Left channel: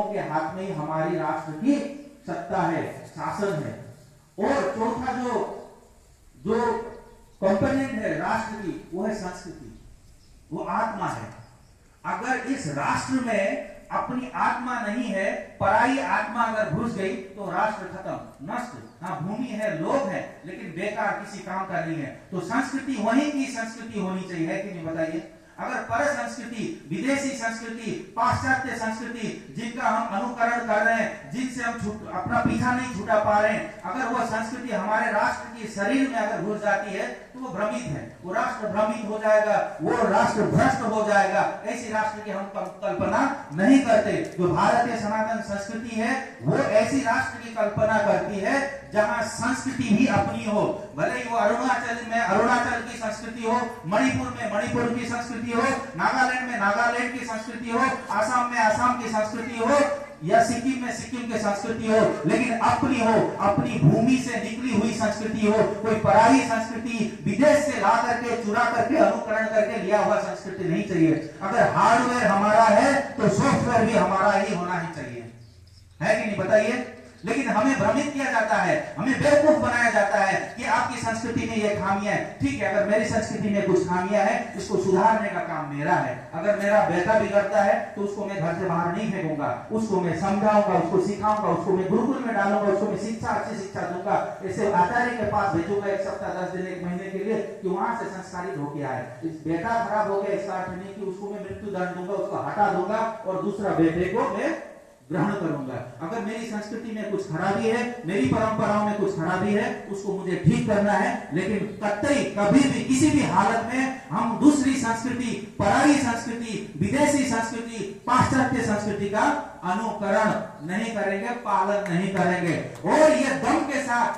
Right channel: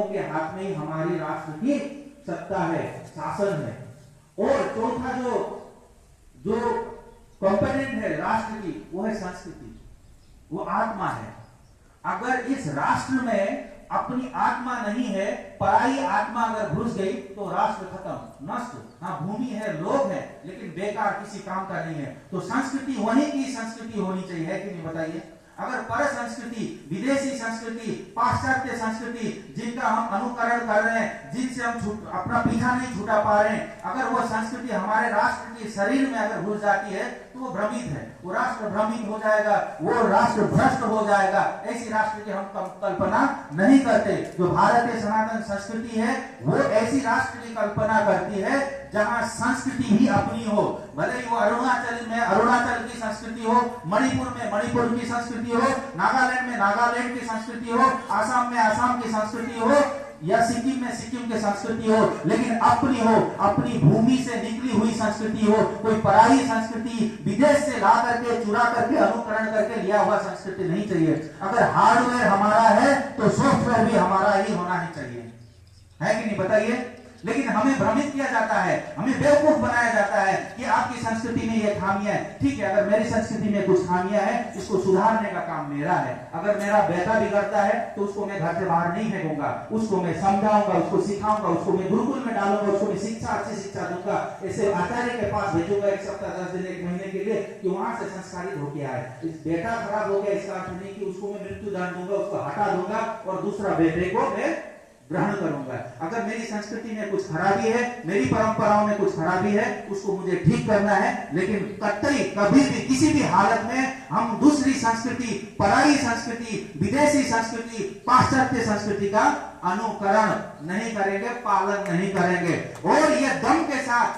लोगों के हाथ में ही हमारी राष्ट्र की सत्ता है, शासन है। और चौथा जो कंपोनेंट है राष्ट्र की, वो है संस्कृति, वो आत्मा है। अगर इस राष्ट्र में अपनी आत्मा नहीं है, पराई आत्मा अगर घुस गई तो राष्ट्र खत्म, नष्ट। हाँ, भूमि है, लोग हैं, लेकिन बेकार, किसी काम का नहीं है। तो संस्कृति वहीं की संस्कृति होनी चाहिए, है कि नहीं बताइए। अगर पर संस्कृति, विदेशी संस्कृति, पाश्चात्य संस्कृति जिनका हम अनुकरण कर रहे हैं, जिनसे हम अपना पीछा नहीं छुटा पा रहे हैं, अगर वो संस्कृति हमारे राष्ट्र के शरीर में अगर घुस जाती है तो वो भ्रमित है, वो राष्ट्र भ्रमित हो जाएगा, वो राष्ट्र भ्रष्ट हो जाएगा। ऐसी राष्ट्र की हम कल्पना नहीं करते। जो भारतीय सनातन संस्कृति है वो ऐसी राष्ट्र की कल्पना करती है जहां संस्कृति भी अपनी हो। भले ही वो अरुणाचल में अरुणाचल की संस्कृति हो, मणिपुर में मणिपुर की संस्कृति हो, नागालैंड में नागालैंड की संस्कृति हो, आसाम में आसाम की संस्कृति हो, या सिक्किम में सिक्किम की संस्कृति हो, लेकिन अपनी हो, अपनी भूमि से निकली हुई संस्कृति हो। कोई पराई संस्कृति विदेश से ला करके, चुरा करके, अनुकरण करके लिया हुआ संस्कृति नहीं चाहिए। अगर हार्डवेयर हमारा है तो सॉफ्टवेयर भी हमारा ही होना ही चाहिए, है कि नहीं बताइए। लेकिन हमें भ्रमित किया जाता है, हमें बेवकूफ बनाया जाता है कि आपकी संस्कृति में ये खामियां है। ठीक है, अगर मेरी संस्कृति में कुछ खामियां है, इसको सुधारने का काम मेरा है। अगर मेरा बेटा बिगड़ता है तो उसको मैं घर से बाहर नहीं फेंकूंगा, उसको मैं समझाऊंगा, उसको सिखाऊंगा, उसको मैं गुरुकुल में डालूंगा, उसको मैं शिक्षा, अच्छी शिक्षा दूंगा, ऐसे आचार्य के पास भेजूंगा 1 सप्ताह 10 दिन 1 महीने के लिए कि वहां से संस्कारित होके आए। इस बेटा खराब हो गया, इसका अर्थ नहीं कि उसको मैं मृत्यु दंड दूंगा, उसको हटा दूंगा और दूसरा बेटे को मैं ग्रहण करूंगा। अगर मेरी संस्कृति में कुछ खराबी है, मेरी परंपराओं में कुछ खराबी है, उसको मुझे ठीक करना है। लेकिन कतई कभी भी किसी भी हालत में हम दूसरी संस्कृति, पराई संस्कृति, विदेशी संस्कृति, पाश्चात्य संस्कृति का अनुकरण नहीं करेंगे, पालन नहीं करेंगे। और ये दम के साथ